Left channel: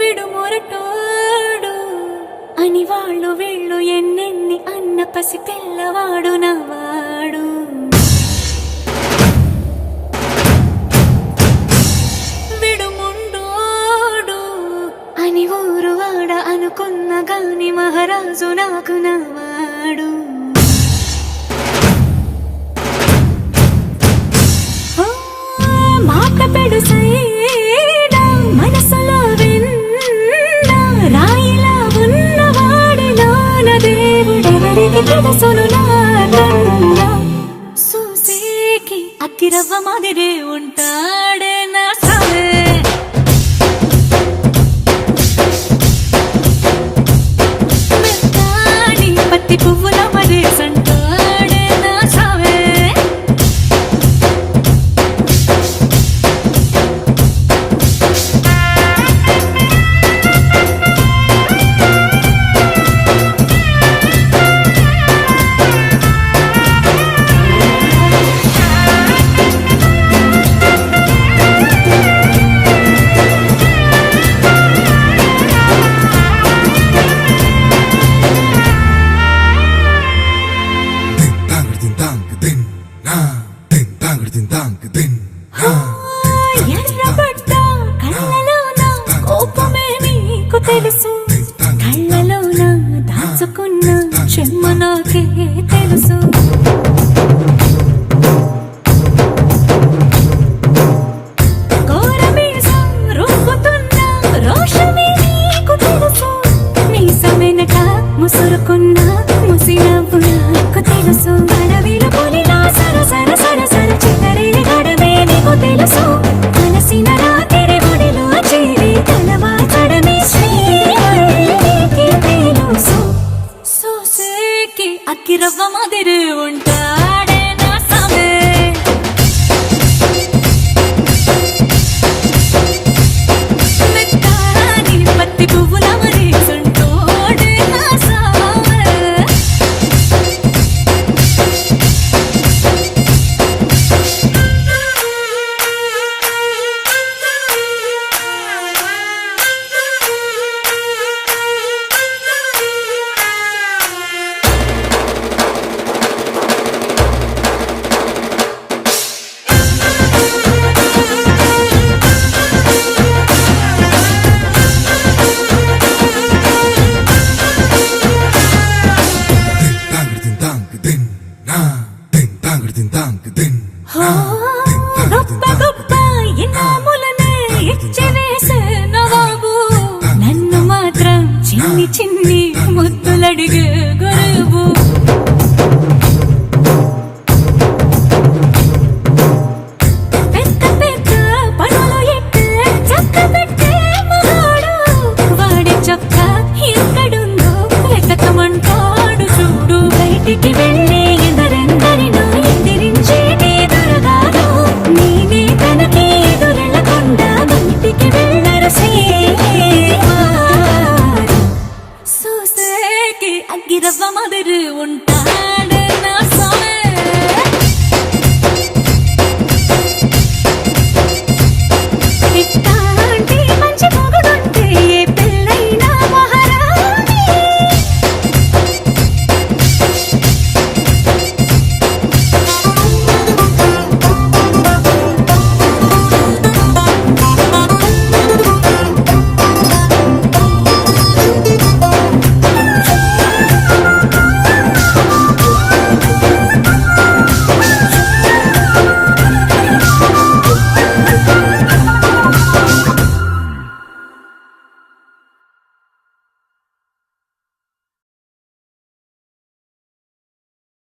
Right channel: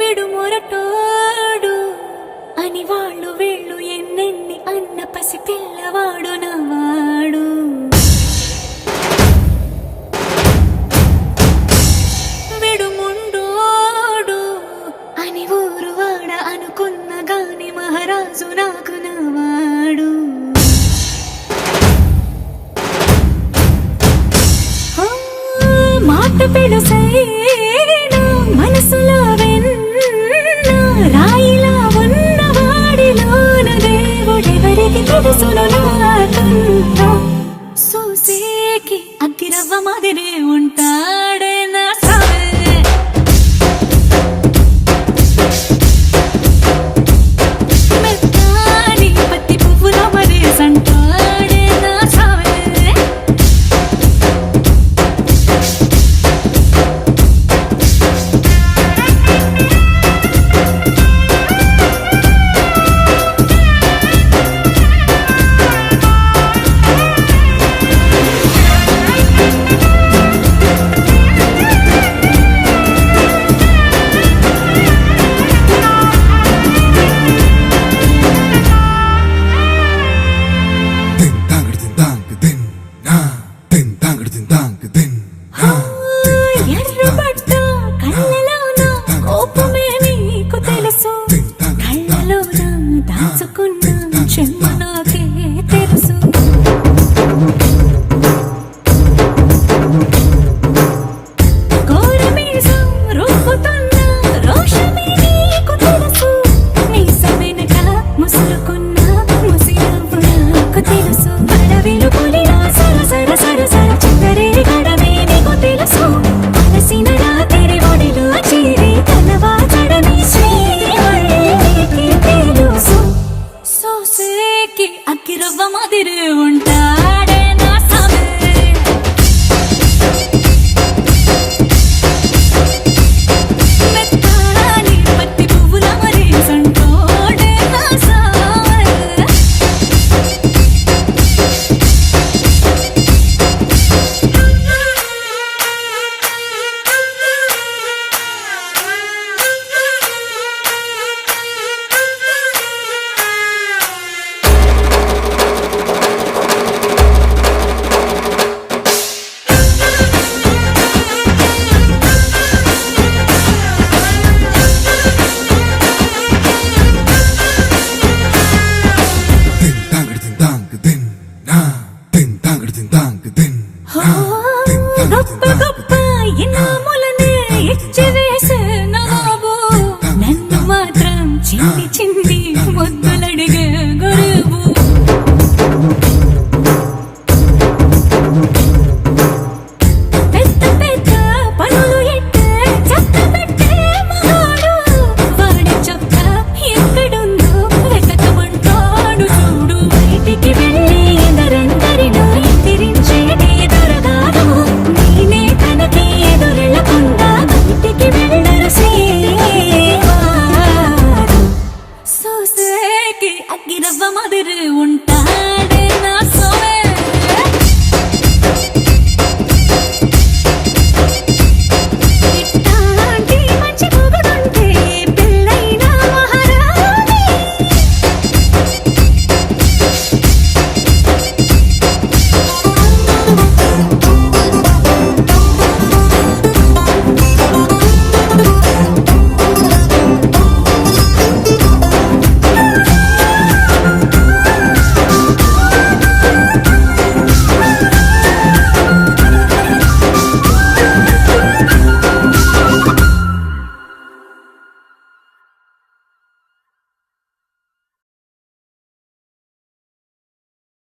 విడుమొరటోడు అని వాళ్ళు వీళ్ళు ఎన్నెన్ని అన్న పసి పిల్లవాడు నవ్వాడు. విడుముండోడు అని ఊరు వాడ అనుకున్న గాని మహారాజు నాకు నవ్వాడు. మాట పెడుసైనా మనసులో వెన్న రాయిలా ఉన్నవాడిలోన దేవుడెవరికి తెలుసును నాకన్నా. సూసేకి అగ్గిరవ్వ మాదిరే ఉంటాడే నా సావే. మెత్తాని పత్తి పువ్వుల మరేసంటాడే నా సావే. ఎర్రబడ్డ కళ్ళలోన కోపమే నీకు తెలుసు, కళ్ళలోన దాచుకున్న చెమ్మ నాకే తెలుసు. కోరమీసం రుబ్బుతున్న రోషమే నీకు తెలుసు, మీసమెనక ముసురుకున్న ముసినవ్వు నాకు తెలుసు. అడవిలు పులిలా సరసర సరసర చిల్లరే గడమే నీకు తెలుసు. అలసిన రాత్రి ఒడిలో చేరి తలవాచడమే శ్రీహరికి తెలుసు. సోసేకి అగ్గిరవ్వ మాదిరి ఉంటాడే నా సామే. మెత్తాని పత్తి పువ్వుల మరేసంటోడే నా సామే. గొప్ప గొప్ప ఇనాములనే ఇచ్చి వేసే నవాబు నన్ను మాత్రం చిన్ని చిన్ని ముద్దులడిగే